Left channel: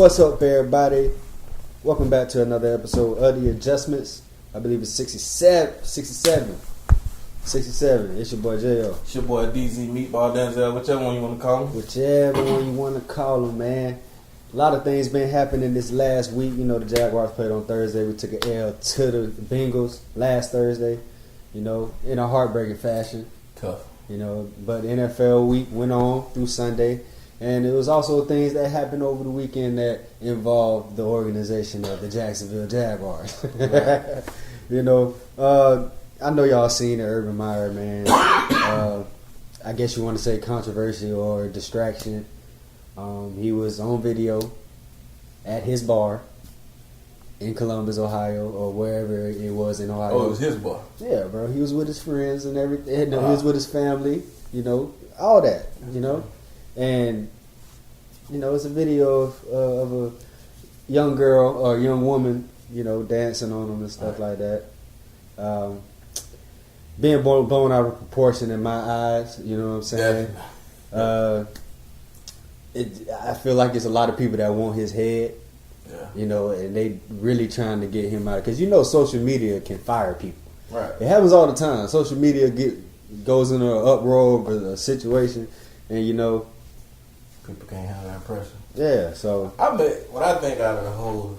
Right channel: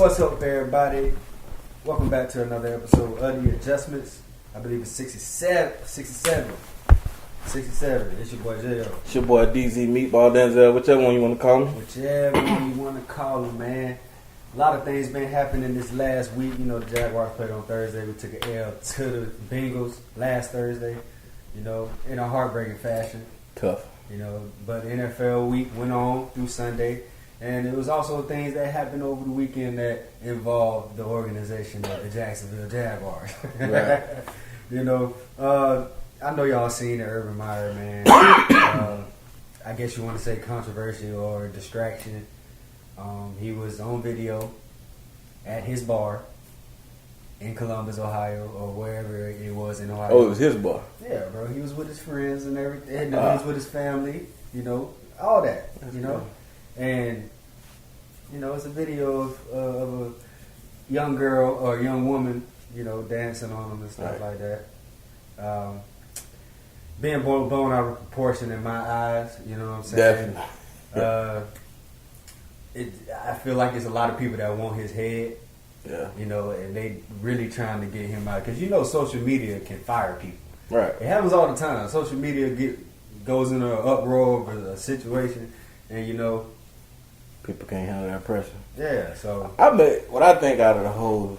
What's up, everybody? Welcome back to another episode of The Adjustments. I believe it's 67. It's your boy J.O. It's your boy DZ Meatball Denzel, whichever one you want to call him. Whichever one you want to call him, man. A lot of things been happening this last week. You know, the Jaguars played on Thursday. We took an L to the Bengals last Thursday, you know, in a heartbreaking fashion. Tough. You know, but NFL week went on through Sunday. And it was also things that happened over the weekend that involved the organization of the Jacksonville Jaguars. Right. You know, I know y'all seen the Urban Meyer, man. I guess you want to say controversy or distraction. He was on video at his bar in Columbus, Ohio, or wherever it was in Ohio. Oh, it was his bar. Yeah, bro. He was with his friends and everything. He was with his family, you know, all that, you know. And, you know, it's a video of a young girl or a young woman, you know, dancing on them and stuff like that. Being blown out of proportion in my eyes, you know what I'm saying? I feel like there's a lot of people that want his head, you know, and they really trying to get him out. Because, you know, social media can fire people. Right. It happens all the time. Social media goes in an uproar over a situation, and, you know, people can't handle that pressure. Yeah, so what I make out of the whole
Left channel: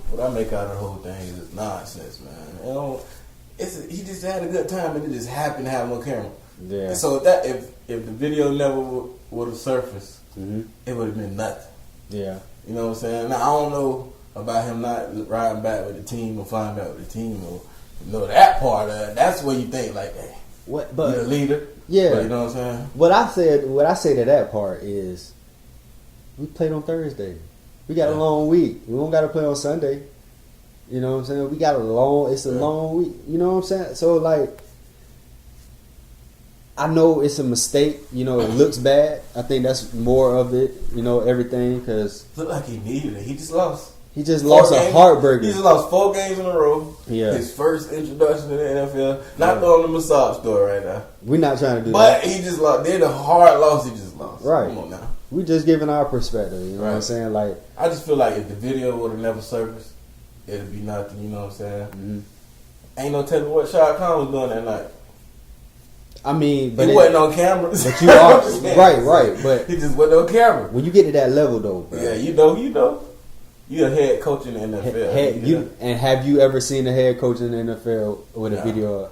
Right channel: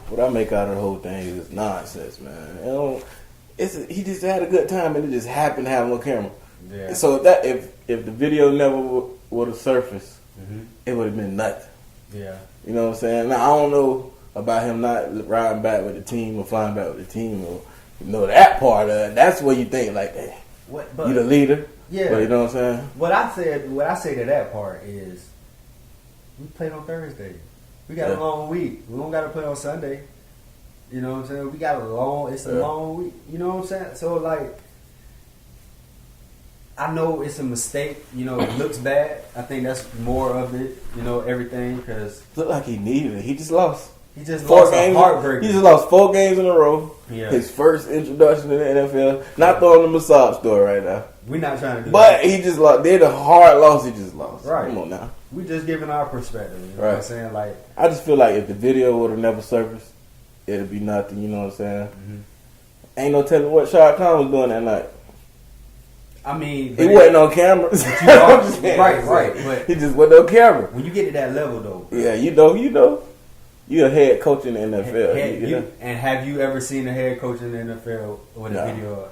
thing is nonsense, man. You know, he just had a good time and it just happened to have him on camera. Yeah. So if the video never would have surfaced, it would have been nothing. Yeah. You know what I'm saying? Now I don't know about him not riding back with the team or flying back with the team or that part of it. That's where you think like, hey, you the leader. Yeah. But you know what I'm saying? What I say to that part is, we played on Thursday. We got a long week. We don't got to play on Sunday. You know what I'm saying? We got it's a long week. You know what I'm saying? So, like, I know it's a mistake. You know, it looks bad. I think that's more of it, you know, everything. Because looked like he needed it. He just lost. He just lost a heartbreaker. He just lost 4 games in a row. Yeah. His first introduction to the NFL. Not throwing the massage store right now. We're not trying to do that. But he just lost. They had a hard loss. He just lost. Right. Come on now. We just giving our perspective. You know what I'm saying? Like, I just feel like if the video would have never surfaced, it'd be nothing. You know what I'm saying? Mm-hmm. Ain't no telling what Shad Khan was doing that night. I mean, he wasn't on camera. But you are right. But he just wasn't on camera. When you get to that level, though, bro, yeah, you know. You're a head coach in the NFL. And have you ever seen a head coach in the NFL with a video?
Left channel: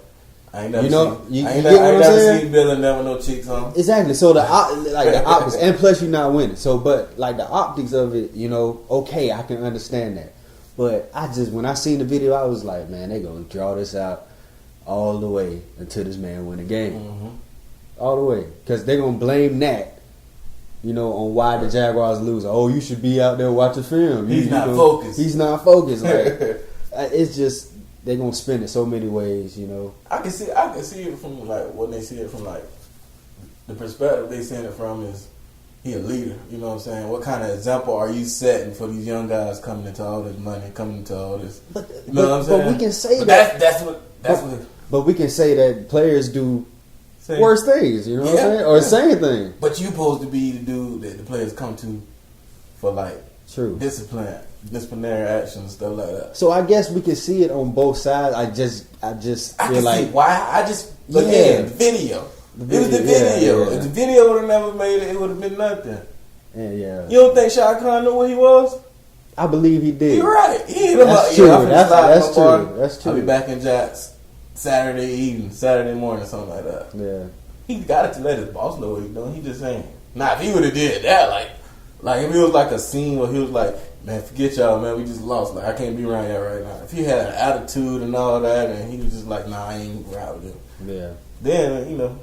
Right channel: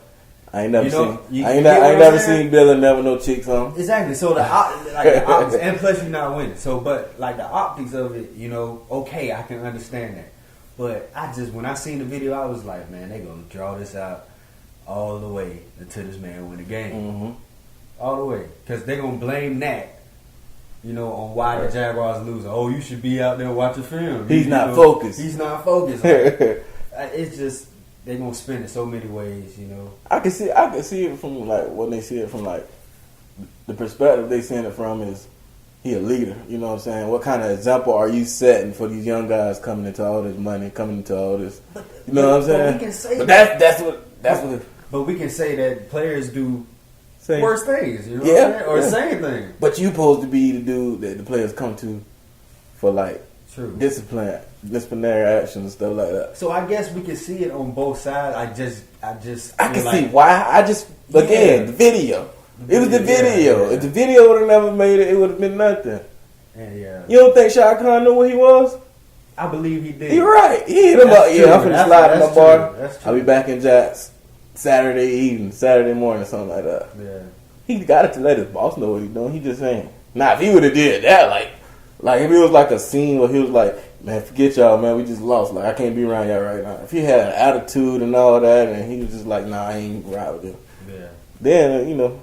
I ain't never seen Bill and never no chicks on. Exactly. So the optics, and plus you're not winning. So, but like the optics of it, you know, okay, I can understand that. But when I seen the video, I was like, man, they gonna draw this out all the way until this man win the game, all the way, because they gonna blame that. You know, on why the Jaguars lose. Oh, you should be out there watching film. He's not focused. He's not focused. Like, it's just they're gonna spin it so many ways. You know, I can see it from like when they see it from like the perspective they seeing it from is he a leader. You know what I'm saying? What kind of example are you setting for these young guys coming into all this money, coming into all this? You know what I'm saying? But we can say that's what. But we can say that players do worse things, you know what I'm saying? Or same thing. But you supposed to be the dude that the players come to for like disciplinary action and stuff like that. So I guess we can see it on both sides. I can see why. The video. It was the video. Yeah. If the video would have never made it, it would have been nothing. Yeah. You don't think Shad Khan knew what he was? I believe he did. You're right. He hit him up. True. Yeah, I'm finna slide in my bar. That's true. I'll be back in Jags Saturday morning, something like that. Yeah. He got to let his boss know what he's doing. He just saying. Nah, if he would have did that, like if it was like a scene where he was like, man, forget y'all, man, we just lost. Like, I can't be around y'all right now. If he had an attitude and all that, and he was just like, nah, I ain't ride with him. Yeah. Then, you know,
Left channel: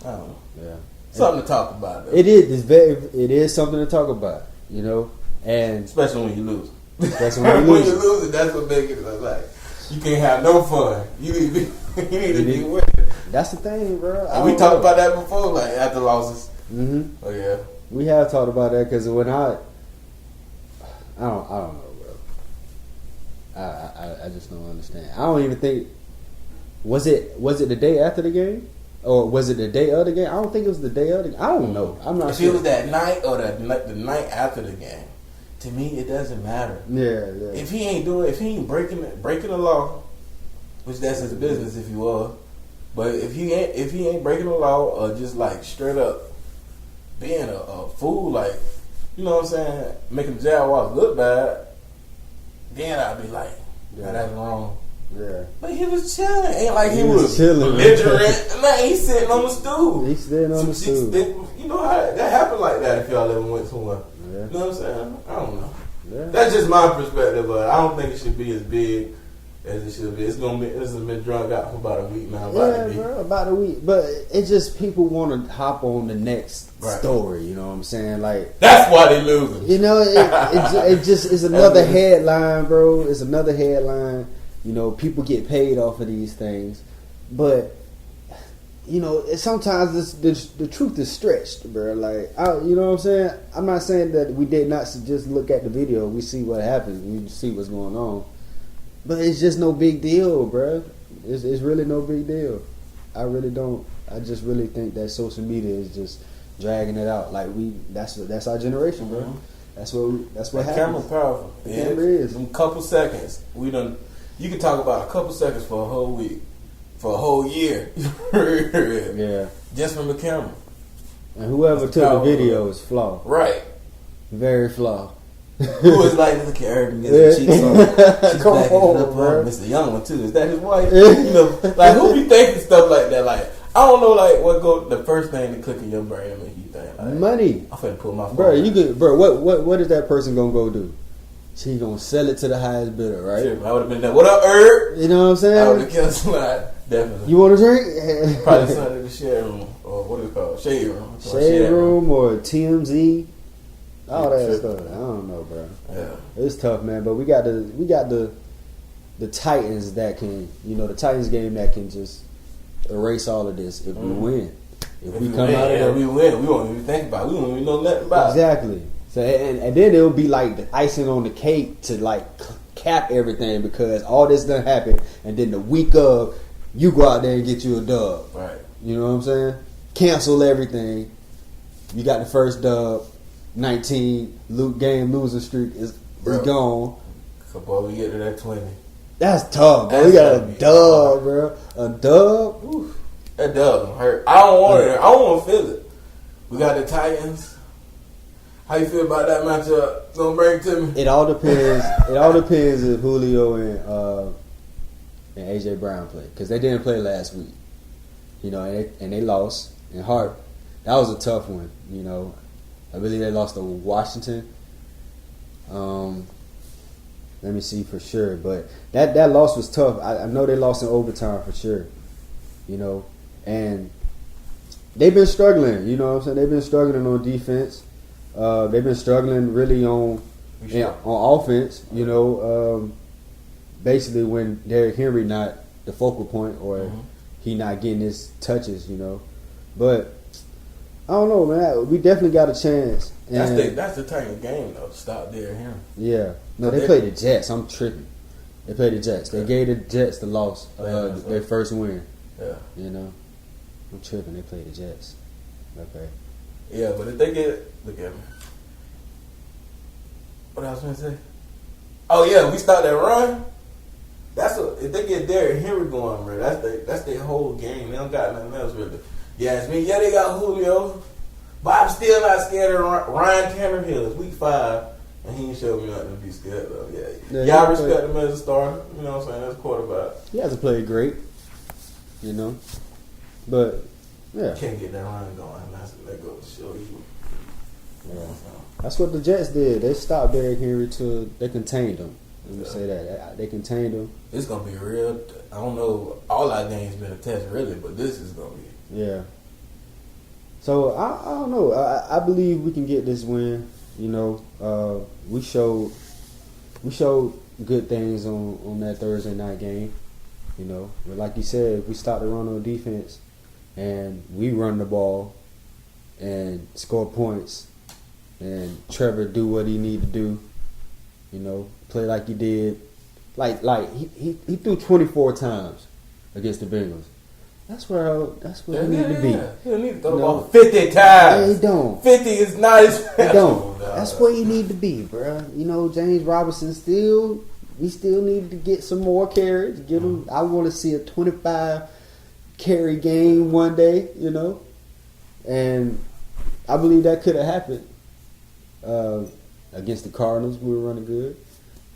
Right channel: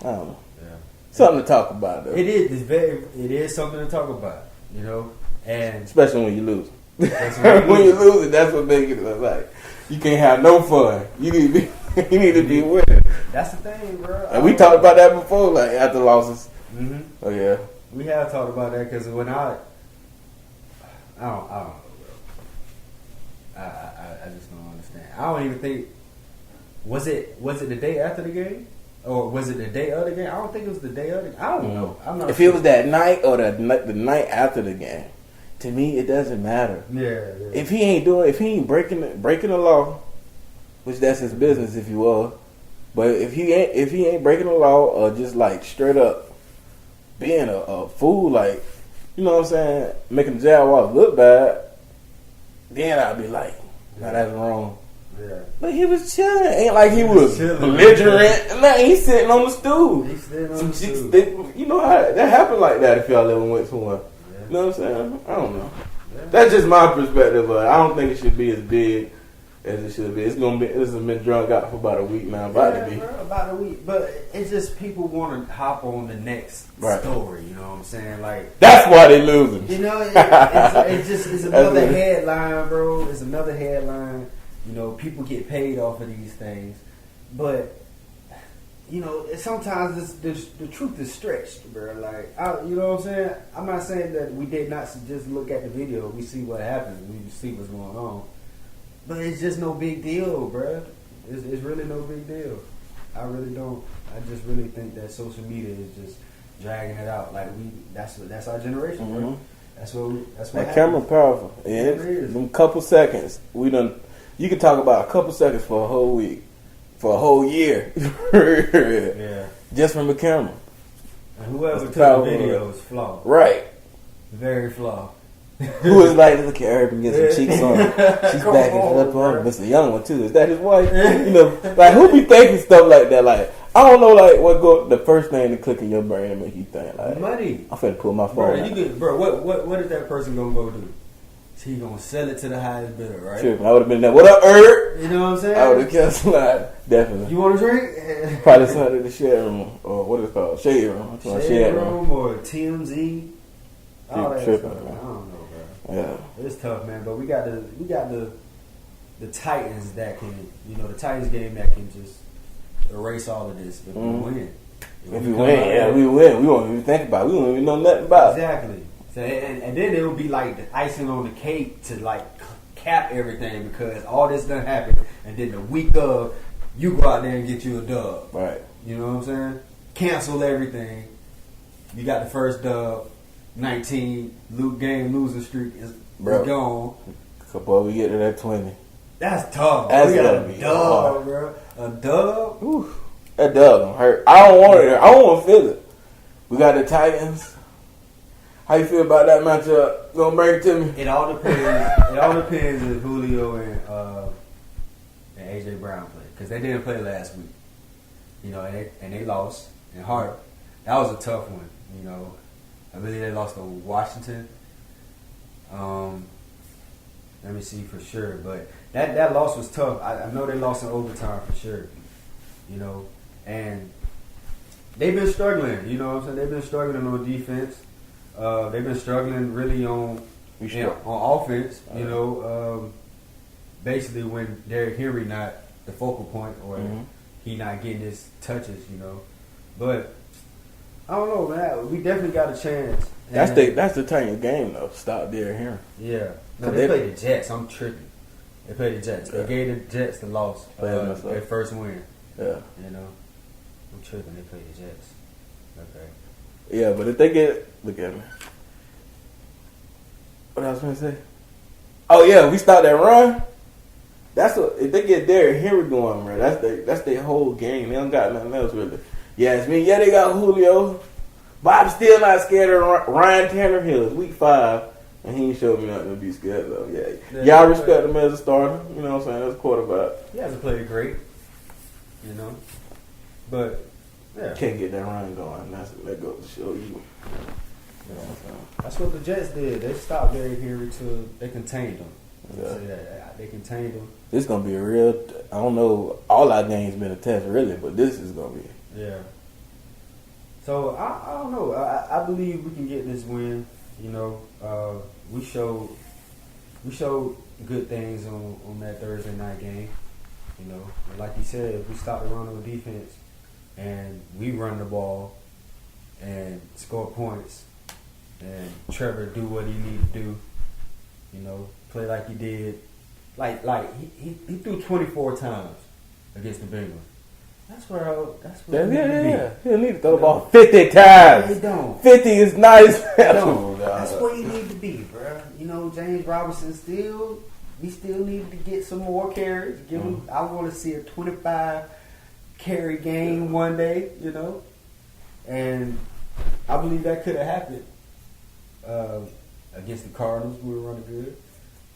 I don't know. Yeah. Something to talk about, though. It is something to talk about, you know, and especially when you lose. That's when you lose, that's what makes it like you can't have no fun. You need to be winning. That's the thing, bro. And we talked about that before, like after losses. Mm-hmm. Oh yeah, we have talked about that because when I don't know, bro. I just don't understand. I don't even think was it the day after the game or was it the day of the game? I don't think it was the day of the game. I don't know. I'm not. If it was that night or the night after the game, to me, it doesn't matter. Yeah. If he ain't breaking the law, which that's his business if he was. But if he ain't breaking the law or just like straight up being a fool, like, you know what I'm saying, making the Jaguars look bad, then I'd be like, nah, that's wrong. Yeah. But he was chilling. Ain't like he was chilling. belligerent. Nah, he's sitting on the stool. He's sitting on the stool. You know how that happened like that if y'all ever went somewhere. Yeah. You know what I'm saying? I don't know. Yeah. That's just my perspective, but I don't think it should be as big as it should be. This has been drunk out for about a week now. About a week. But it's just people want to hop on the next story. You know what I'm saying? Like, that's why they losing. You know, it just is another headline, bro. It's another headline. You know, people get paid off of these things, but you know, sometimes the truth is stretched, bro. Like, you know what I'm saying? I'm not saying that we did not just look at the video. We see what happens. We see what's going on. But it's just no big deal, bro. It's really no big deal. I really don't. I just really think that social media is just dragging it out. Like, that's our generation, bro. That's what happens. Camera powerful. Yeah, it is. Them couple seconds. You can talk about a couple seconds for a whole week. For a whole year. Yeah. Just from the camera. And whoever took the video is flawed. Right. Very flawed. Who is like, look at Urban get some cheeks on. She's backing it up on Mr. Young one too. Is that his wife? You know, like, who be thinking stuff like that? Like, I don't know, like, the first thing to click in your brain and make you think, like, money. I'm finna pull my phone. What is that person gonna go do? She gonna sell it to the highest bidder, right? Sure, I would have been there. What up, Herb? You know what I'm saying? I would have kept slide. Definitely. You want a drink? Probably something in the shade room, or what is it called? Shade room. Shade room or TMZ. All that stuff. I don't know, bro. Yeah, it's tough, man. But we got the Titans that can, you know, the Titans game that can just erase all of this if we win. If we win, we win. We won't even think about it. We won't even know nothing about it. Exactly. So and then it'll be like the icing on the cake to like cap everything, because all this done happened, and then the week of, you go out there and get you a dub. Right. You know what I'm saying? Cancel everything. You got the first dub. 19 game losing streak is gone. Before we get to that 20. That's tough. Bro. We got a dub, bro. A dub. Ooh. That dub don't hurt. I don't want it. I don't want to feel it. We got the Titans. How you feel about that matchup? Gonna bring it to me? It all depends. It all depends if Julio and AJ Brown play, because they didn't play last week. You know, and they lost. And Hart, that was a tough one. You know, I believe they lost to Washington. Let me see for sure, but that loss was tough. I know they lost in overtime for sure. You know, and they've been struggling. You know what I'm saying? They've been struggling on defense. They've been struggling really on offense. You know, basically when Derrick Henry not the focal point, or he not getting his touches. You know, but I don't know, man. We definitely got a chance. That's the Titan game though. Stop Derrick Henry. Yeah. No, they played the Jets. I'm tripping. They played the Jets. They gave the Jets the loss, their first win. Yeah. You know, I'm tripping. They played the Jets. Okay. Yeah, but if they look at me. What I was gonna say? Oh yeah, we start that run. If they get Derrick Henry going, bro, that's their whole game. They don't got nothing else really. Yeah, it's me. Yeah, they got Julio, but I'm still not scared of Ryan Tannehill. It's week 5, and he ain't showed me nothing to be scared of. Yeah, y'all respect him as a starter. You know what I'm saying? That's quarterback. He hasn't played great, you know, but yeah, can't get that run going. That goes to show you. You know what I'm saying? That's what the Jets did. They stopped Derrick Henry they contained him. Let me say that. They contained him. It's going to be a real, I don't know, all our games been a test really, but this is going to be. Yeah. So, I don't know. I believe we can get this win. You know, we showed good things on that Thursday night game. You know, but like you said, if we stop the run on defense and we run the ball and score points, and Trevor do what he need to do, you know, play like he did. Like he threw 24 times against the Bengals. That's where he need to be. Yeah. He'll need to throw the ball 50 times. Yeah, he don't. 50 is not his Don't. That's where you need to be, bro. You know, James Robinson we still need to get some more carries. Give him. I want to see a 25 carry game one day. You know, and I believe that could have happened against the Cardinals. We were running good.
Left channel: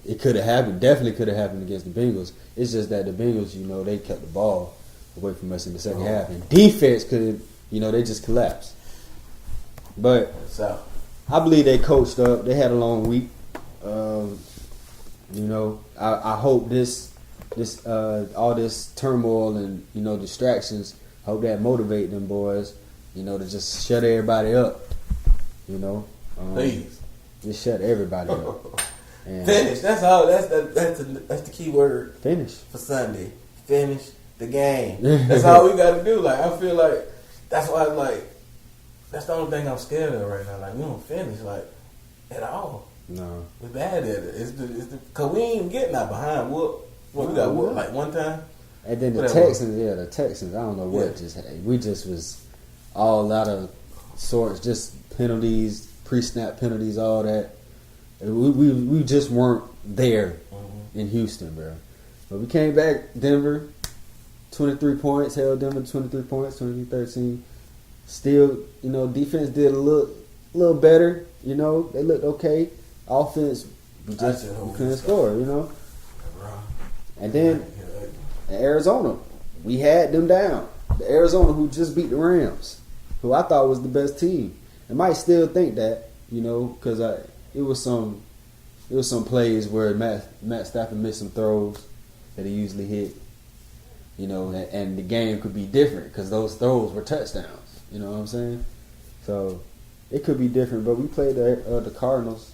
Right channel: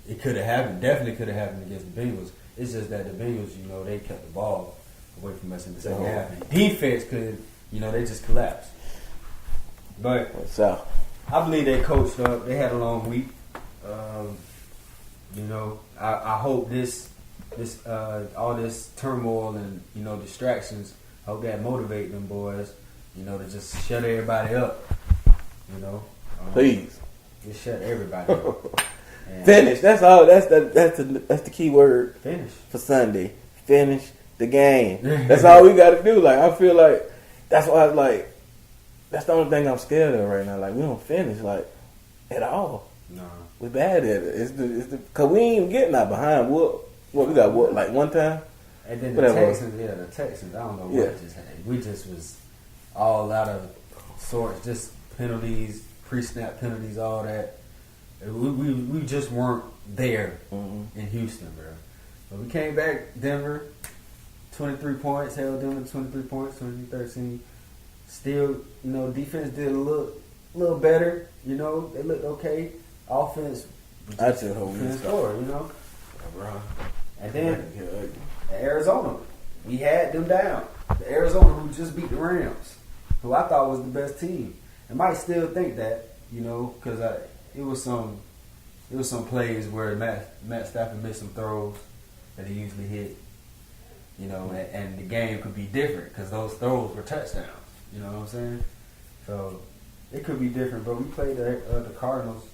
It could have happened. Definitely could have happened against the Bengals. It's just that the Bengals, you know, they kept the ball away from us in the second half. And defense could, you know, they just collapsed. But I believe they coached up. They had a long week. You know, I hope this all this turmoil and, you know, distractions, I hope that motivate them boys, you know, to just shut everybody up. You know, please, just shut everybody up. And finish. That's all. That's the key word. Finish for Sunday. Finish the game. That's all we got to do. Like, I feel like that's why. Like, that's the only thing I'm scared of right now. Like, we don't finish like at all. No, we're bad at it. It's the cause we ain't getting out behind. What we got? What, like one time? And then the Texans. I don't know what just happened. We just was all out of sorts. Just penalties, pre-snap penalties, all that. We just weren't there in Houston, bro. But we came back, Denver, 23 points, held Denver 23 points, 23-13. Still, you know, defense did a little better. You know, they looked okay. Offense, we just couldn't score, you know. And then Arizona, we had them down. The Arizona who just beat the Rams, who I thought was the best team. I might still think that, you know, because it was some plays where Matt Stafford missed some throws that he usually hit, you know, and the game could be different because those throws were touchdowns. You know what I'm saying? So it could be different, but we played the Cardinals,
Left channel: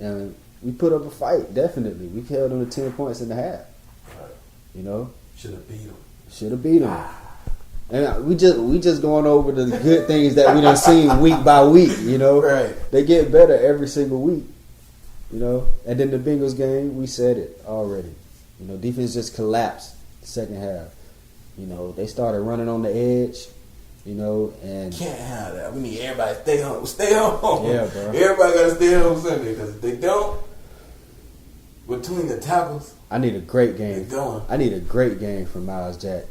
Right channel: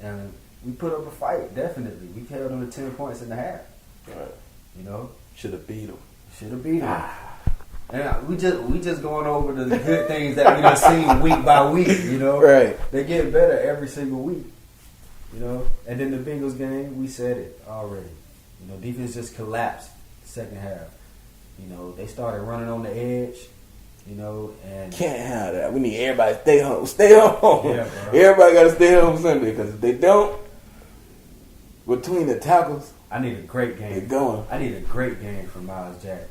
and we put up a fight. Definitely, we held them to 10 points in the half. Right. You know, should have beat them. And we just going over the good things that we done seen week by week, you know. Right. They get better every single week, you know. And then the Bengals game, we said it already. You know, defense just collapsed the second half. You know, they started running on the edge, you know, and can't have that. We need everybody to stay home. Stay home. Yeah, bro. Everybody got to stay home Sunday because if they don't, between the tackles, I need a great game. They're going. I need a great game from Miles Jack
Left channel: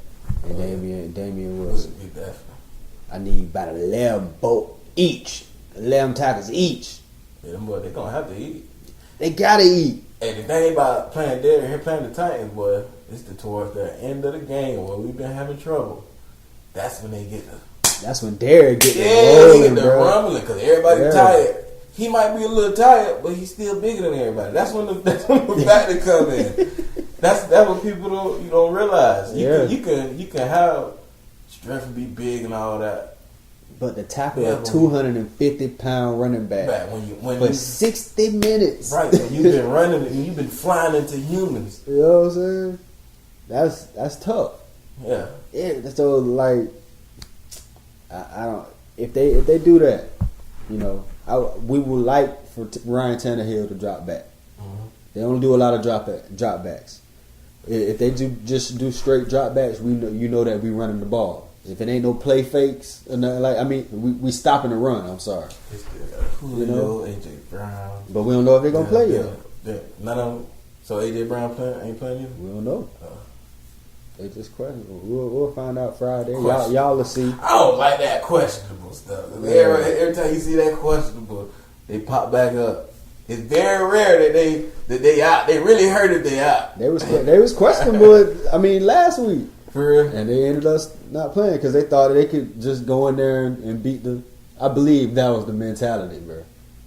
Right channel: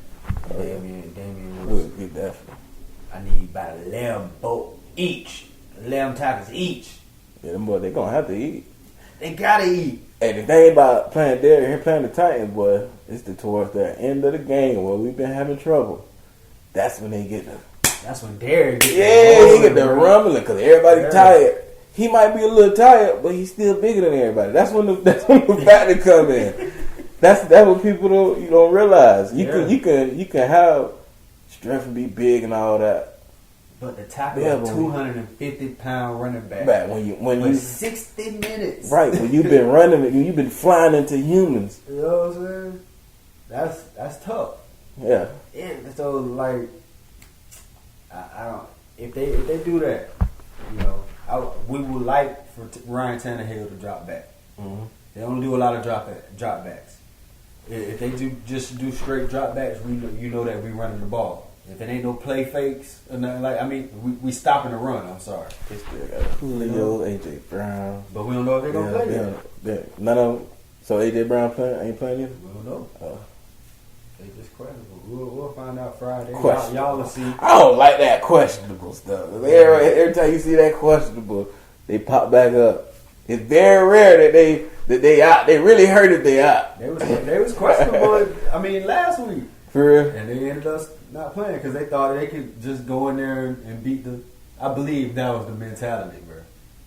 and Damian Wilson. I need about 11 each. 11 tackles each. Yeah, them boys, they gonna have to eat. They gotta eat. And the thing about playing there, playing the Titans, boy, it's towards the end of the game where we've been having trouble. That's when they get the. That's when Derek get he get the rumbling because everybody tired. He might be a little tired, but he's still bigger than everybody. That's when the factor come in. That's what people don't realize. You can have strength and be big and all that. But the tackle a 250-pound running back. When you 60 minutes. Right, when you've been running and you've been flying into humans. You know what I'm saying? That's tough. Yeah. So like I don't if they do that, you know, we would like for Ryan Tannehill to drop back. Mm-hmm. They don't do a lot of drop backs. If they just do straight drop backs, you know that we running the ball. If it ain't no play fakes or nothing, like, I mean, we stopping the run. I'm sorry. They still got Julio, AJ Brown, but we don't know if they're gonna play yet. None of them. So AJ Brown ain't playing yet. We don't know. They just questionable. We'll find out Friday. Y'all will see. I don't like that questionable stuff. Every time you see that questionable, they pop back up. It's very rare that they out. They really hurt if they out. They was questionable. I mean, last week. For real. And they ended up not playing because they thought they could just go in there and beat the. I believe that was the mentality, bro.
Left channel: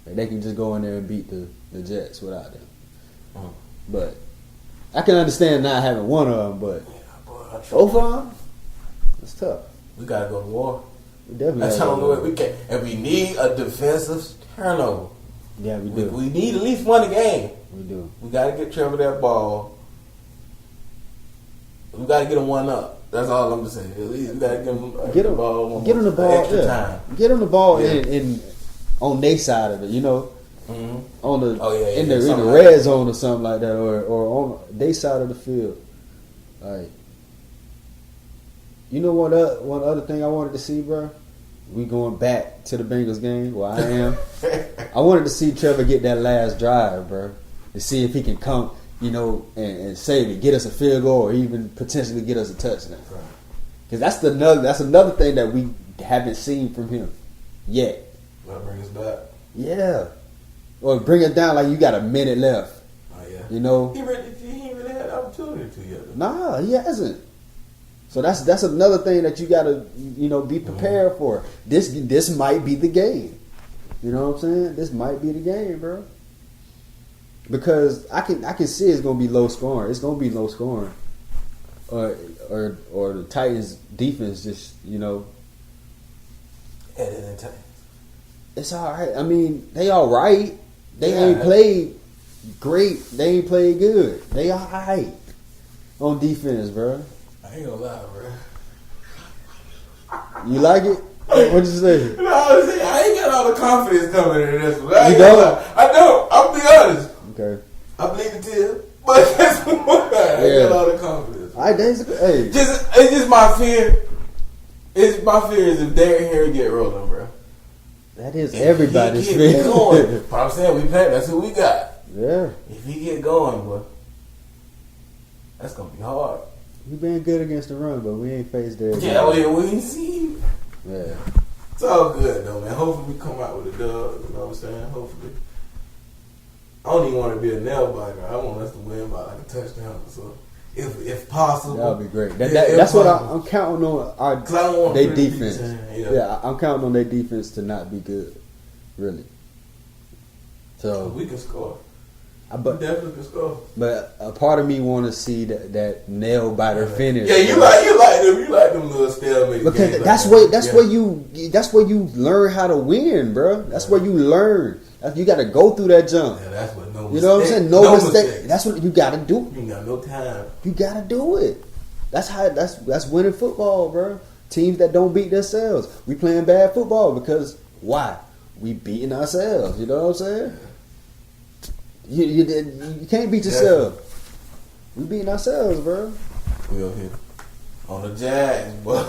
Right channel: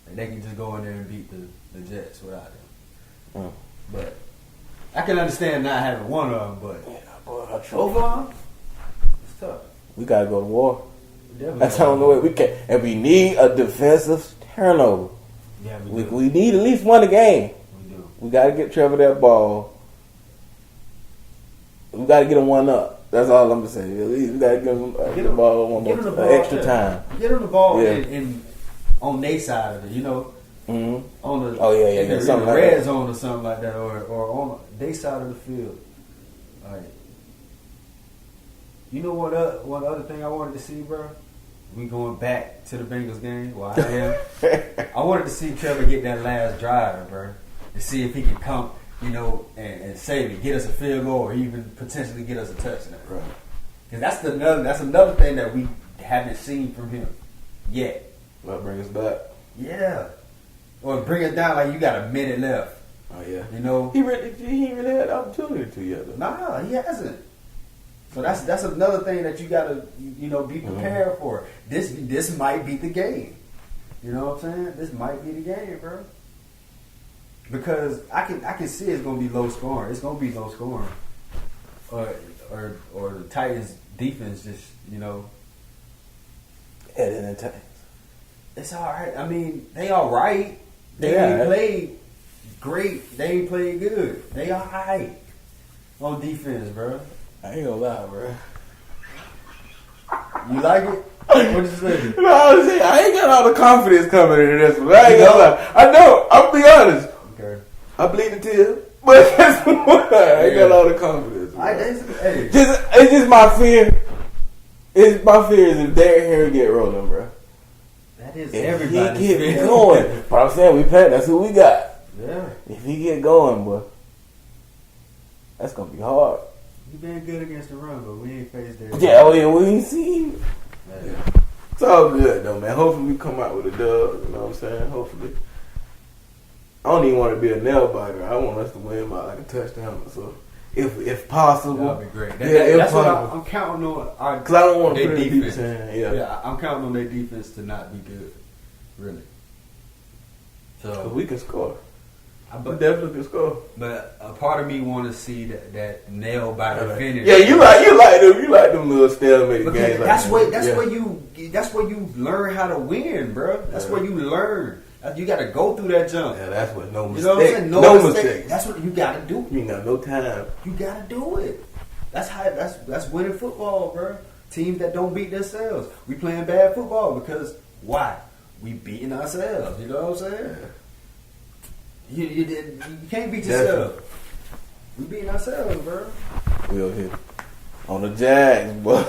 Like they can just go in there and beat the Jets without them. But I can understand not having one of them, but both of them, it's tough. We gotta go to war. We definitely. That's the only way we can. And we need a defensive turnover. Yeah, we do. We need at least one a game. We do. We gotta get Trevor that ball. We gotta get him one up. That's all I'm just saying. At least we gotta get him the ball extra time. Get him the ball in on their side of it, you know. Mm-hmm. On the in the red zone or something like that, or on their side of the field. Like You know what? One other thing I wanted to see, bro. We going back to the Bengals game. Well, I am. I wanted to see Trevor get that last drive, bro, to see if he can come, and save it, get us a field goal, or even potentially get us a touchdown. Right. Because that's another thing that we haven't seen from him yet. Might bring us back. Yeah, or bring it down like you got a minute left. Oh yeah. You know, he ain't really had the opportunity to yet. Nah, he hasn't. So that's another thing that you gotta be prepared for. This might be the game. You know what I'm saying? This might be the game, bro. Because I can see it's gonna be low scoring. It's gonna be low scoring. Or the Titans defense just it's all right. I mean, they all right. They ain't played great. They ain't played good. They all right on defense, bro. I ain't gonna lie, bro. You like it? What'd you say? No, I ain't got all the confidence coming into this one. I ain't You gonna don't? lie. I know. I'll be honest. Okay. I bleed the tears, but that's what I ain't got all the confidence. All right, hey. It's just my fear. My fear is if Derrick Henry get rolling, bro. That is everybody's If he get going, but I'm saying we play. That's who we got. Yeah. If he get going, boy, that's gonna be hard. He been good against the run, but we ain't faced there. Yeah, we ain't see. Yeah. It's all good though, man. Hopefully we come out with a dub. You know what I'm saying? Hopefully. I don't even want to be a nail biter. I want us to win by like a touchdown or so. If possible. That would be great. Yeah, That's what I'm counting on. Because I don't want to their put defense. Yeah, I'm counting on their defense to not be good. Really. So we can score. But we definitely can score. But a part of me want to see that nail biter finish. Yeah, you like them little stalemate because games. That's where you learn how to win, bro. That's where you learn. You got to go through that jump. Yeah, that's what no mistake. You know what I'm saying? No mistake. That's what you got to do. You got no time. You got to do it. That's winning football, bro. Teams that don't beat themselves. We playing bad football because why? We beating ourselves. You know what I'm saying? You can't beat yourself. We beating ourselves, bro. We over here on the Jags, boy.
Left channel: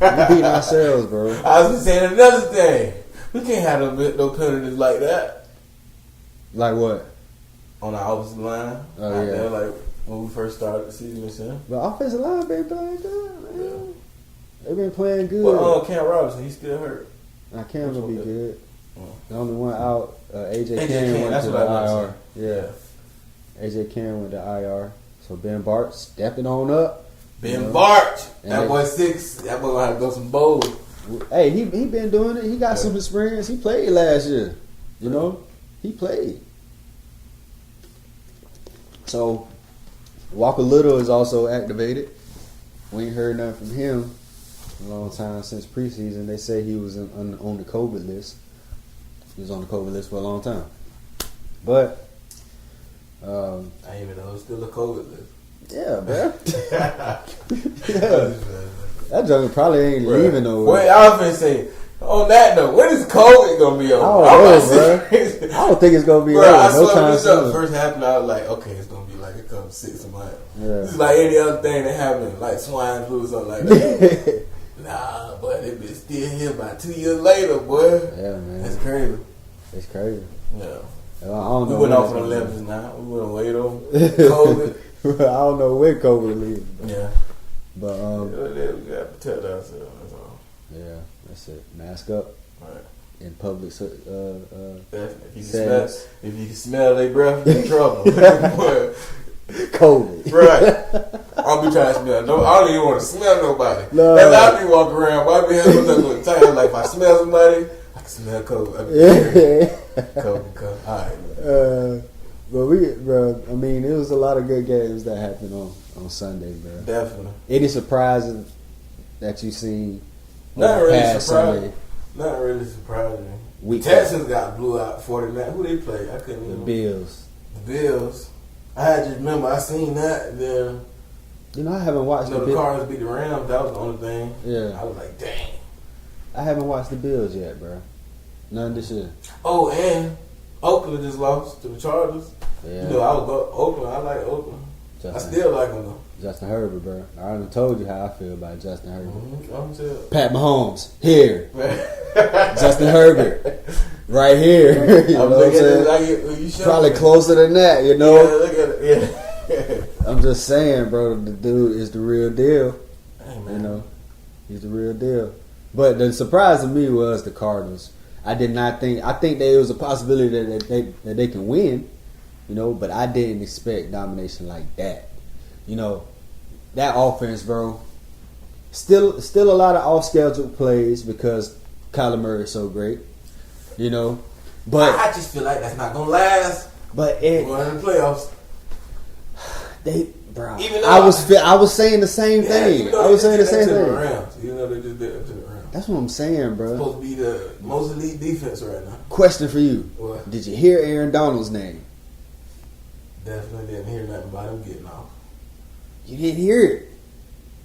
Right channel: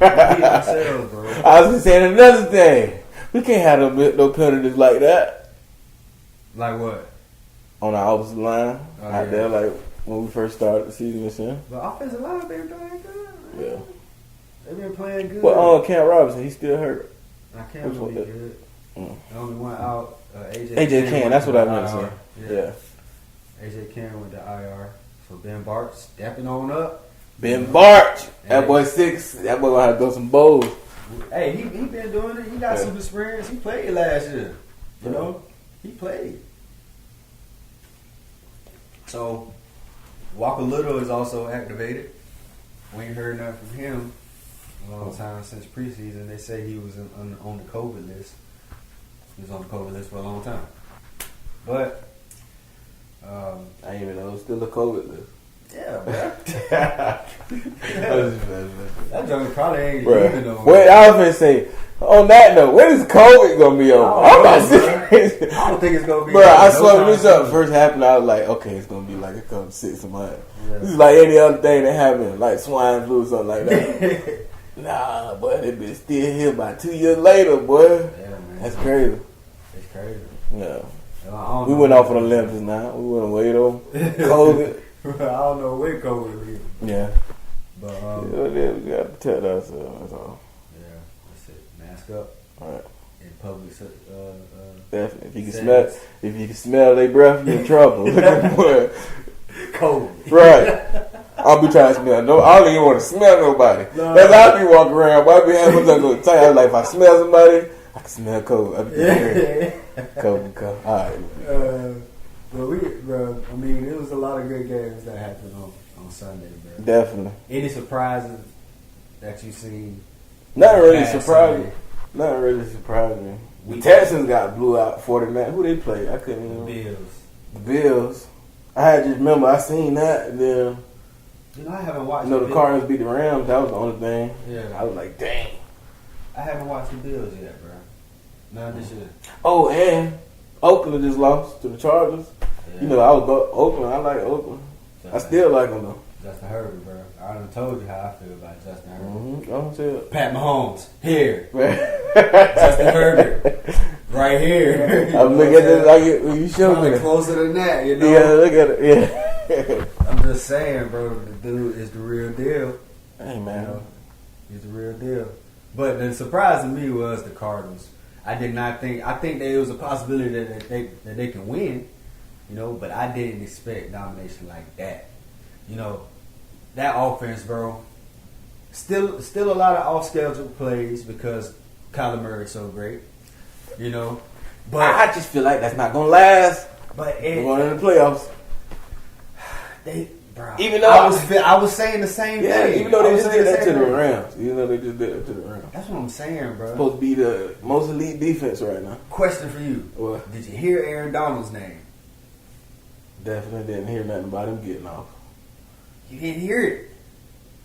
We beating ourselves, bro. I was just saying another thing. We can't have no penalties like that. Like what? On our opposite line. Out there, like when we first started the season this year. The offensive line been playing good, man. Yeah. They've been playing good. Well, Cam Robinson, he's still hurt. Now Cam's gonna be good. The only one out, AJ Cam. That's what I meant to say. Yeah. AJ Cam went to IR. So Ben Bart stepping on up. Ben Bart. That boy 6. That boy gonna have to go some bowls. Hey, he been doing it. He got some experience. He played last year. You know? He played. So Walker Little is also activated. We ain't heard nothing from him a long time since preseason. They say he was on the COVID list. He was on the COVID list for a long time. But I didn't even know it was still a COVID list. Yeah, bro. That junk probably ain't leaving nowhere. What I was finna say, on that note, when is COVID gonna be over? I don't think it's gonna be over. Bro, I swear when this first happened, I was like, okay, it's gonna be like a couple 6 months. Yeah. This is like any other thing that happened, like swine flu or something like that. Nah, boy, they been still here about 2 years later, boy. Yeah, man. That's crazy. It's crazy. Yeah. We went off on the Olympics now. We wouldn't wait on COVID. I don't know where COVID leaves. Yeah. But we gotta protect ourselves, that's all. Yeah, that's it. Mask up. Right. In public definitely. If you can smell their breath, you're in trouble. COVID. Right. I'll be trying to smell. I don't even want to smell nobody. No. That's how I be walking around. Why be having something to tell? Like if I smell somebody, I can smell COVID. COVID. All right. But I mean, it was a lot of good games that happened on Sunday, bro. Definitely. Any surprises that you seen? Not really surprising. Not really surprising. Texans got blew out 49. Who they played? I couldn't remember. The Bills. I had just remember I seen that. And then, I haven't watched. The Cardinals beat the Rams. That was the only thing. Yeah. I was like, dang. I haven't watched the Bills yet, bro. None this year. Oh, and Oakland just lost to the Chargers. Yeah. I would go Oakland. I like Oakland. I still like him though. Justin Herbert, bro. I already told you how I feel about Justin Herbert. Mm-hmm. Pat Mahomes, here. Justin Herbert, right here. I'm looking at this like you show probably me. closer than that, you know? Yeah, look at it. Yeah. I'm just saying, bro, the dude is the real deal. Hey, man. You know, he's the real deal. But the surprise to me was the Cardinals. I did not think. I think there was a possibility that they can win, you know, but I didn't expect domination like that. You know, that offense, bro. Still a lot of off schedule plays because Kyler Murray is so great. You know, but I just feel like that's not gonna last. But going in the playoffs, bro. Even though I was saying the same thing. Even though I was they saying the just did same that to thing. the Rams. Even though they just did it to the Rams. That's what I'm saying, bro. Supposed to be the most elite defense right now. Question for you: What? Did you hear Aaron Donald's name? Definitely didn't hear nothing about him getting off. You didn't hear it.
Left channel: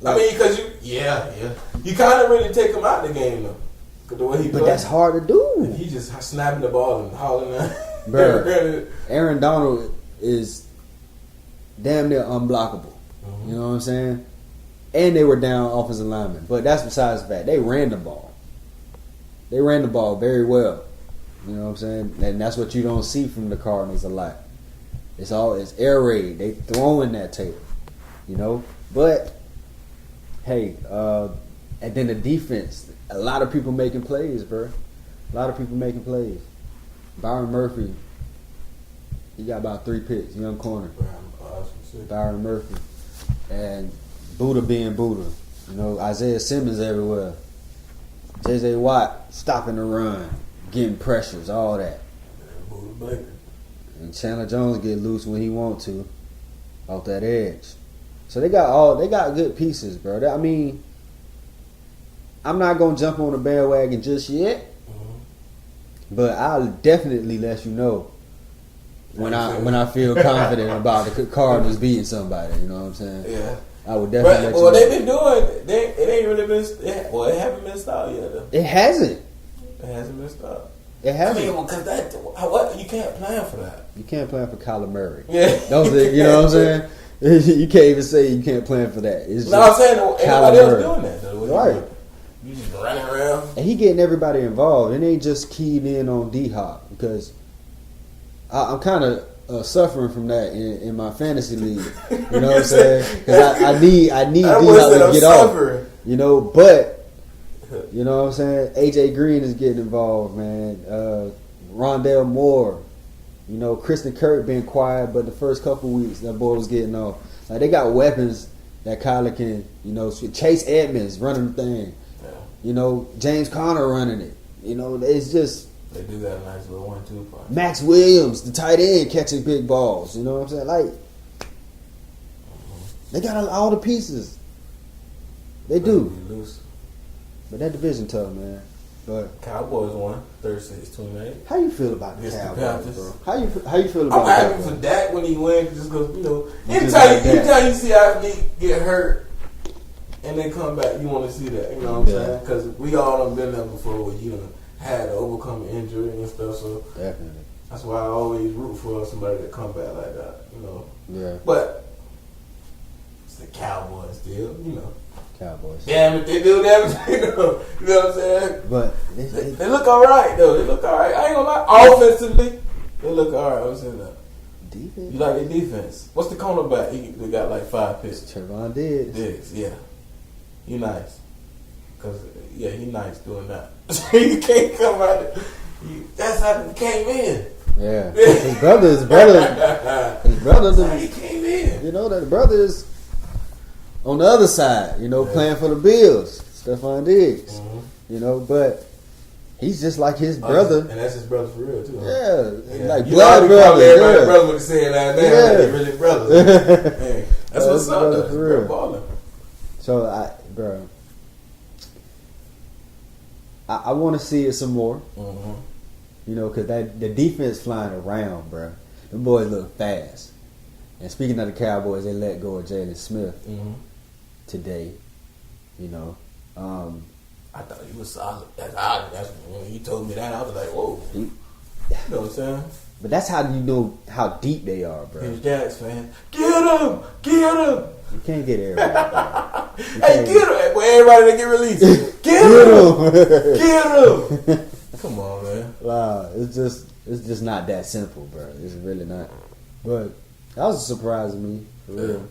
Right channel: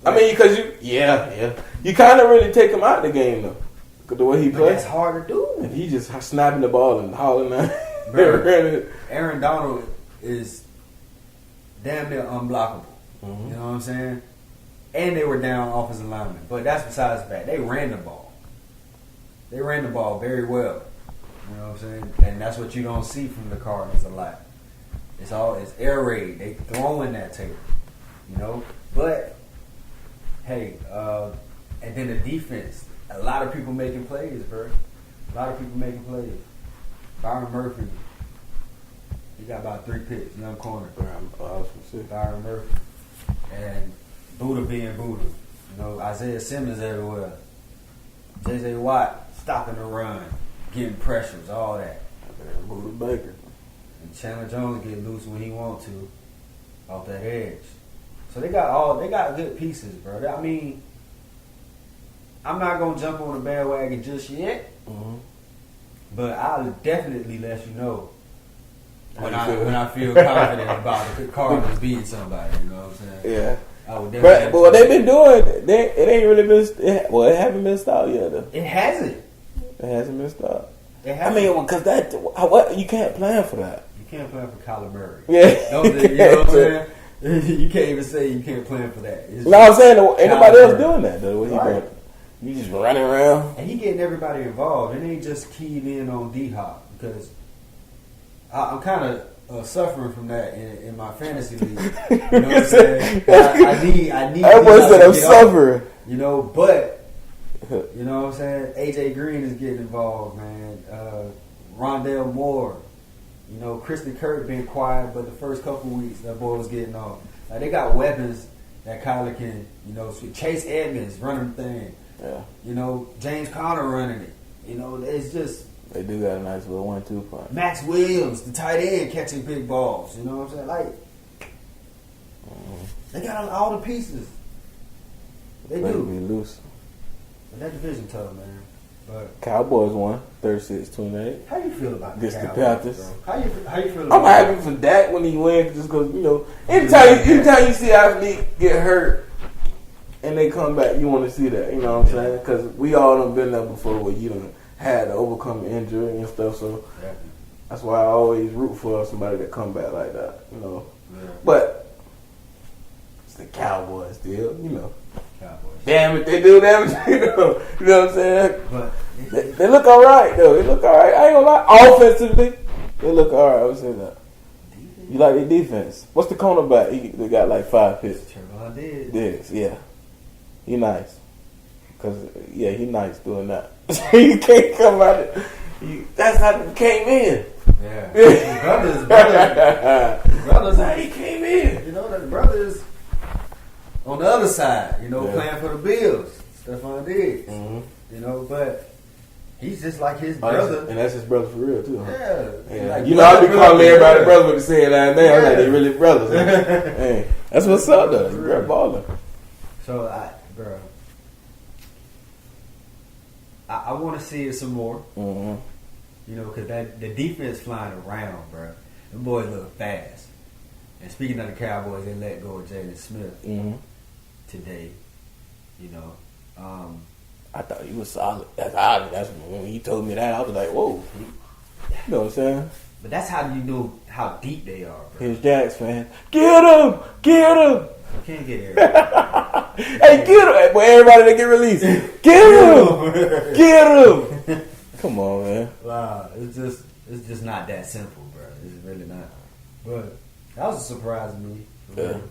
I mean, because you kind of really take him out the game though, because the way he plays. But that's hard to do. And he just snapping the ball and hauling that. Bro, Aaron Donald is damn near unblockable. Mm-hmm. You know what I'm saying? And they were down offensive linemen. But that's besides the fact. They ran the ball. They ran the ball very well. You know what I'm saying? And that's what you don't see from the Cardinals a lot. It's air raid. They throwing that tape. You know? But, hey, and then the defense. A lot of people making plays, bro. A lot of people making plays. Byron Murphy, he got about 3 picks, young corner. Byron Murphy. And Buddha being Buddha. You know, Isaiah Simmons everywhere. J.J. Watt stopping the run, getting pressures, all that. Buddha Baker. And Chandler Jones get loose when he want to, off that edge. So they got good pieces, bro. I mean, I'm not gonna jump on the bandwagon just yet. Mm-hmm. But I'll definitely let you know when I feel confident about the Cardinals beating somebody. You know what I'm saying? Yeah. I would definitely. But what they've been doing, it ain't really been. It haven't been stopped yet. Though. It hasn't. It hasn't been stopped. It hasn't. I mean, because what you can't plan for that. You can't plan for Kyler Murray. Yeah. You know what I'm saying? You can't even say you can't plan for that. It's no, I'm saying ain't nobody else Murray. doing that though. Right. You just running around. And he getting everybody involved. And they just keyed in on D-Hop because I'm kind of suffering from that in my fantasy league. You know what I'm saying? 'Cause I need D-Hop to get off. You know, but you know what I'm saying? AJ Green is getting involved, man. Rondale Moore. You know, Kristen Kirk been quiet, but the first couple weeks that boy was getting off. Like they got weapons that Kyler can, you know, Chase Edmonds running the thing. Yeah. You know, James Conner running it. You know, it's just they do got a nice little 1-2 punch. Max Williams, the tight end, catching big balls. You know what I'm saying? Like they got all the pieces. They do. Loose. But that division tough, man. But Cowboys won 36-28. how you feel about the Against the Cowboys, Panthers. bro? How you feel about I'm that? happy for Dak when he wins just because, you know, You just like that. anytime you see athlete get hurt and they come back, you want to see that. You know what I'm saying? Because we all done been there before where you done had to overcome injury and stuff. So Definitely. that's why I always root for somebody that come back like that. You know. Yeah. But it's the Cowboys still. You know. Cowboys. Damn it, they do that. You know what I'm saying? But They look all right though. They look all right. I ain't gonna lie. Offensively, they look all right. I was saying that. defense. You like their defense? What's the cornerback? They got like 5 picks. Trevon Diggs. Diggs, yeah. He nice. Cause he nice doing that. You can't come out. That's how he came in. Yeah. His brother. That's how he came in. You know that brother is on the other side. You know, playing for the Bills. Stephon Diggs. Mm-hmm. You know, but he's just like his brother. And that's his brother for real too. Huh? Yeah. Like you know, I be calling everybody brother with the saying that now. Yeah. Like they really brothers. Hey, that's what's up though. Real baller. So I want to see it some more. Mm-hmm. You know, because the defense flying around, bro. The boys look fast. And speaking of the Cowboys, they let go of Jalen Smith today. You know, I thought he was solid. That's when he told me that. I was like, whoa. You know what I'm saying? But that's how you know how deep they are, bro. His Jags fan. Get him! Get him! You can't get everybody. Hey, get him! Boy, everybody that get released. Get him! Get him! Come on, man. Wow, it's just not that simple, bro. It's really not. But that was a surprise to me. For real.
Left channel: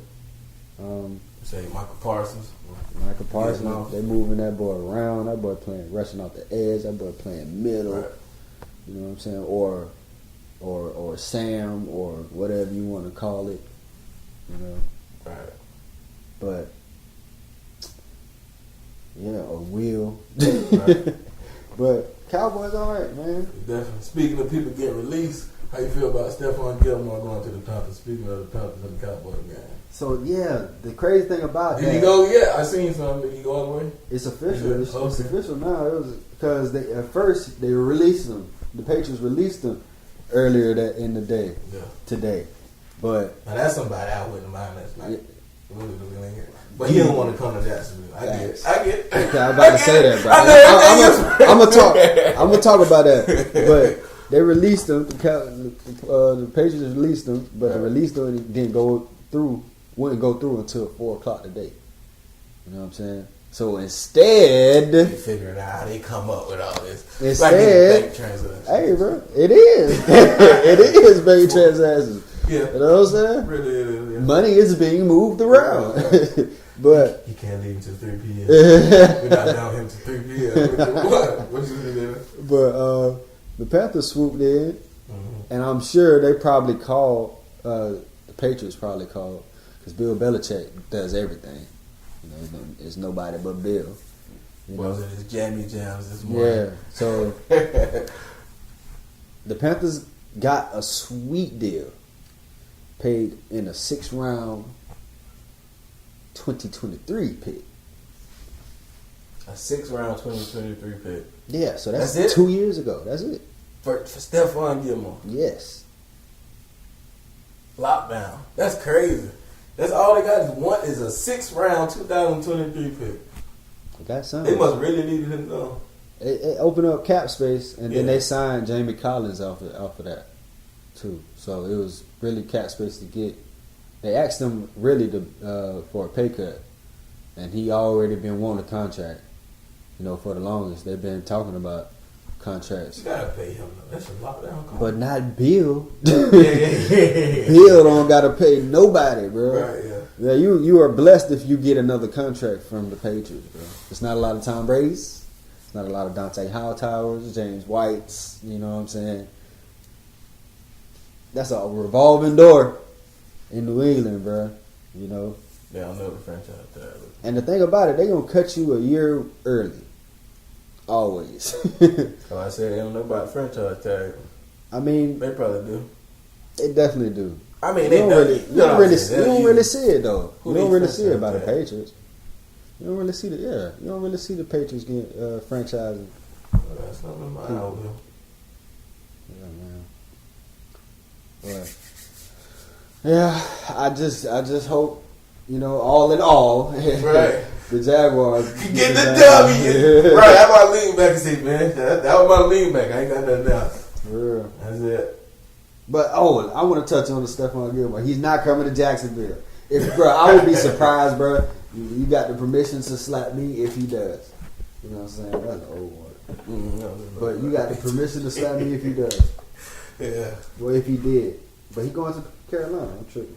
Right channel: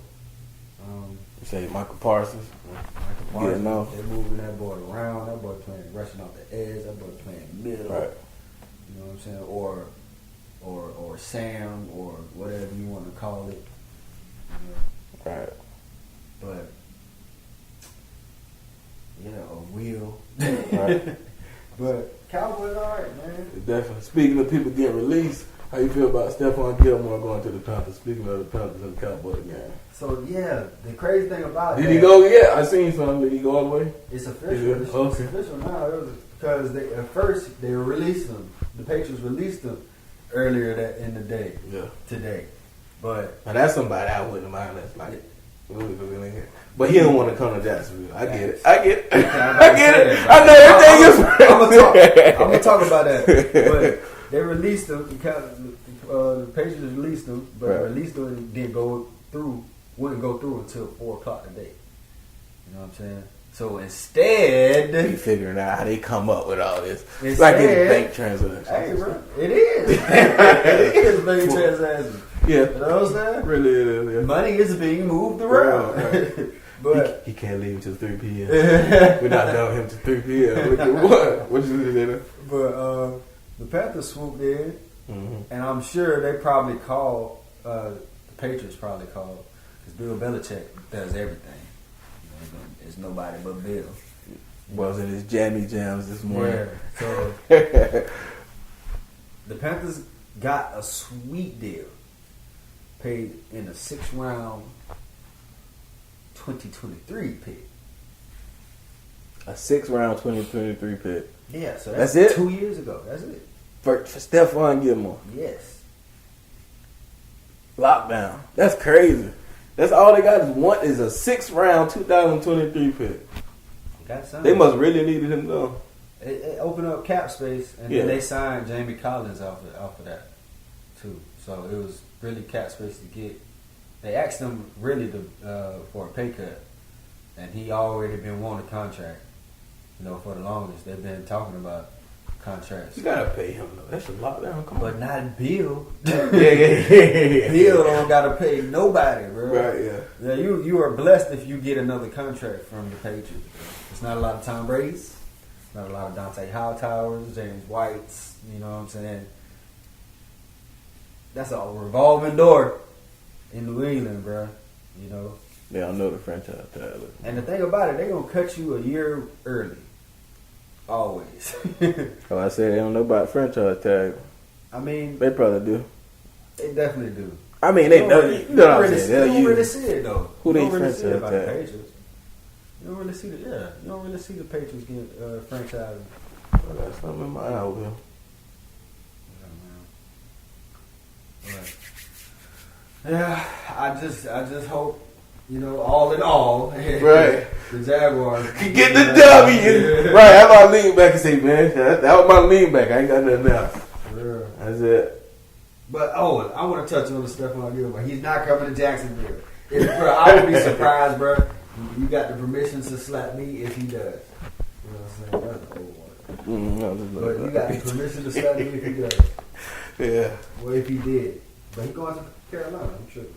You say Michael Parsons. Michael Parsons, they moving that boy around. That boy playing rushing off the edge. That boy playing middle. Right. You know what I'm saying? Or Sam or whatever you want to call it. You know. Right. But a Will. Right. But Cowboys all right, man. Definitely. Speaking of people getting released, how you feel about Stephon Gilmore going to the Panthers? Speaking of the Panthers and the Cowboys game. So yeah, the crazy thing about Did he go yet? I seen something. Did he go all the way? It's official. It's Okay. official now. It was because at first they released him. The Patriots released him earlier in the day. Yeah. Today, but Now that's somebody I wouldn't mind. That's like, but he don't want to come to Jacksonville. I get it. okay, I'm about to say that. Bro. I know everything. I'm gonna talk about that. But they released him. The Patriots released him, but the release wouldn't go through until 4:00 today. You know what I'm saying? So instead, You figuring out how they come up with all this. Instead, Like getting bank transactions. hey, bro, it is. It is bank transactions. Yeah. You know what I'm saying? Really is. Yeah. Money is being moved around. Right. But he can't leave until 3 p.m. We're not down with him till 3 p.m. What you doing? But the Panthers swooped in, Mm-hmm. and I'm sure they probably called. The Patriots probably called because Bill Belichick does everything. You know, it's nobody but Bill. Was in his jammy jams this morning. Yeah. So the Panthers got a sweet deal, paid in a 6th round 2023 pick. A 6th round 2023 pick. Yeah, so that's it? 2 years ago. That's it. For Stephon Gilmore. Yes. Lockdown. That's crazy. That's all they got is a 6th round 2023 pick. Got something. They must really needed him though. It opened up cap space, and Yeah. then they signed Jamie Collins off of that too. So it was really cap space to get. They asked him really for a pay cut, and he already been wanting a contract. You know, for the longest they've been talking about contracts. You gotta pay him though. That's a lockdown. Come But on. not Bill. yeah. Bill don't gotta pay nobody, bro. Right, yeah. Yeah, you are blessed if you get another contract from the Patriots, bro. It's not a lot of Tom Brady's. It's not a lot of Dante Hightowers, James White's. You know what I'm saying? That's a revolving door in New England, bro. You know. They don't know the franchise tag. And the thing about it, they gonna cut you a year early. Always. So I said they don't know about franchise tag. I mean, They probably do. they definitely do. I mean, You they don't know. really, You know what I'm saying? you don't They'll really use- see it though. Who You don't they really see it franchise about the tag? Patriots. You don't really see the You don't really see the Patriots get franchising. I got something in mind over him. Yeah, man. But yeah, I just hope, you know, all in all, Right. the Jaguars Get the W. Right, how about lean back and say, man, that was my lean back. I ain't got nothing else. For real. That's it. But I want to touch on the Stephon Gilmore. He's not coming to Jacksonville. Bro, I would be surprised, bro. You got the permission to slap me if he does. You know what I'm saying? That's an old one. No, just But you got the permission to slap me if he does. Yeah. Well, if he did. But he going to Carolina. I'm tripping.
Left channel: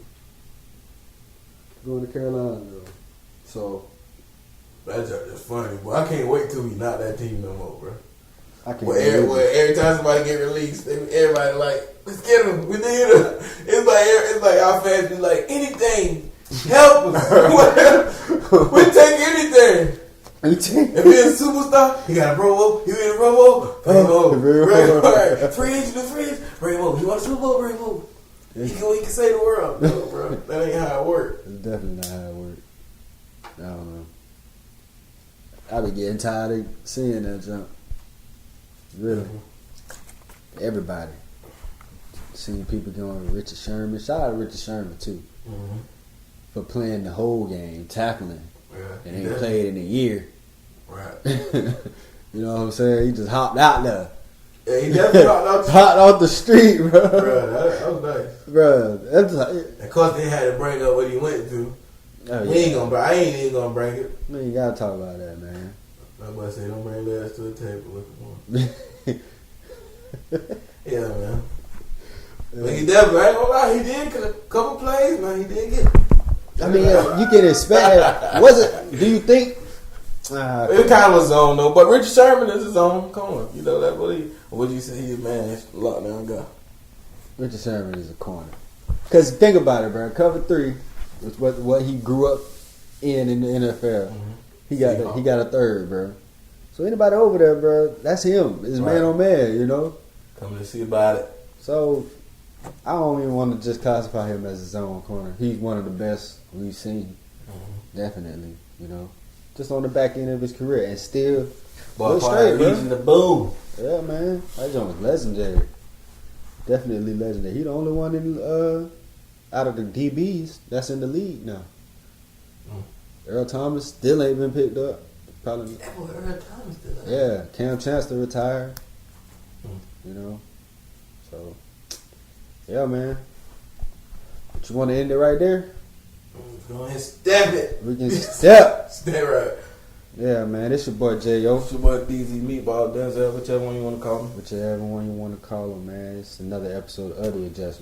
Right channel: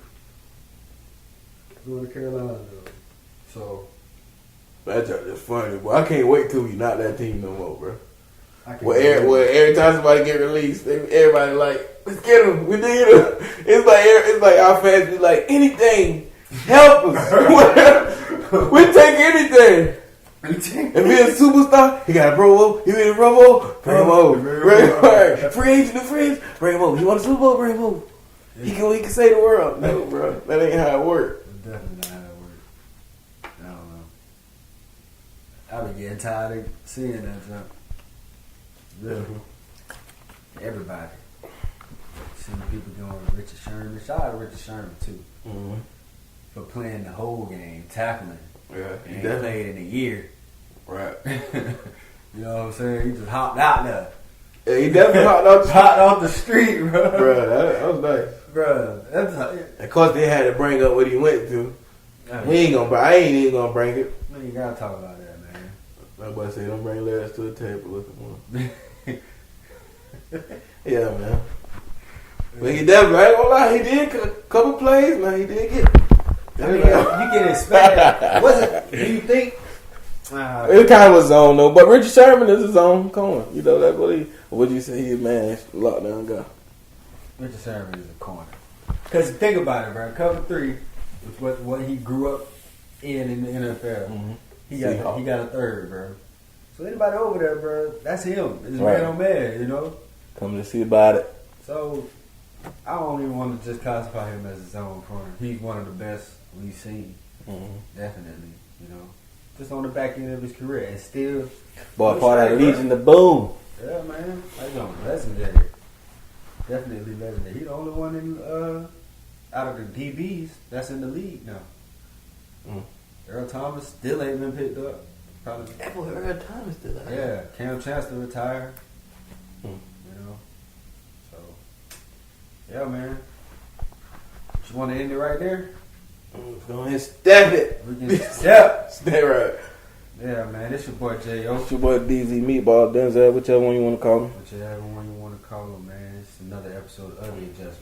Going to Carolina, though. So, That's just funny, boy. I can't wait till we not that team no more, bro. I can't Well, believe it. every time somebody get released, everybody like, let's get him. We need him. It's like our fans be like, anything, help us. We take anything. If he's a superstar, he got a Pro Bowl. He win a Pro Bowl. Bring him over. Bring him over. Free agent. Bring him over. You want a Super Bowl? Bring him over. He can save the world. No, bro. That ain't how it works. It's definitely not how it works. I don't know. I be getting tired of seeing that jump. Really. Everybody. Seeing people going to Richard Sherman. Shout out to Richard Sherman, too. Mm-hmm. For playing the whole game, tackling. Yeah. And ain't played in a year. Right. You know what I'm saying? He just hopped out there. Yeah, he definitely hot off the street, bro. Bro, that was nice. Bro, that's of course they had to bring up what he went through. I ain't even gonna bring it. Man, you gotta talk about that, man. My boy say don't bring last to the table with him. Yeah, man. But he definitely, I ain't gonna lie, he did a couple plays, man. He did get. I mean, you can expect it. Was it? Do you think? It kind of was zone though, but Richard Sherman is his own corner. You know that's what he. Would you say he man lockdown guy? Richard Sherman is a corner. Cause think about it, bro. Cover 3 was what he grew up in the NFL. Mm-hmm. He got a third, bro. So anybody over there, bro, that's him. It's man on man, you know. Coming to see about it. So I don't even want to just classify him as his own corner. He's one of the best we've seen. Mm-hmm. Definitely, you know. Just on the back end of his career and still part of Legion of Boom. Yeah, man. That joint was legendary. Definitely legendary. He the only one in out of the DBs that's in the league now. Earl Thomas still ain't been picked up. Probably. That boy Earl Thomas still out. Yeah, Cam Chancellor retired. You know. So yeah, man. You want to end it right there? Go ahead and step it. We can step. Stay right. Yeah, man. It's your boy J.O. It's your boy DZ Meatball Denzel, whichever one you want to call him. Whichever one you want to call him, man. It's another episode of The Adjustments.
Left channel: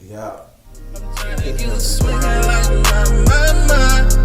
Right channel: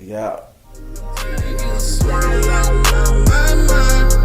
Yeah. You smile out my mind.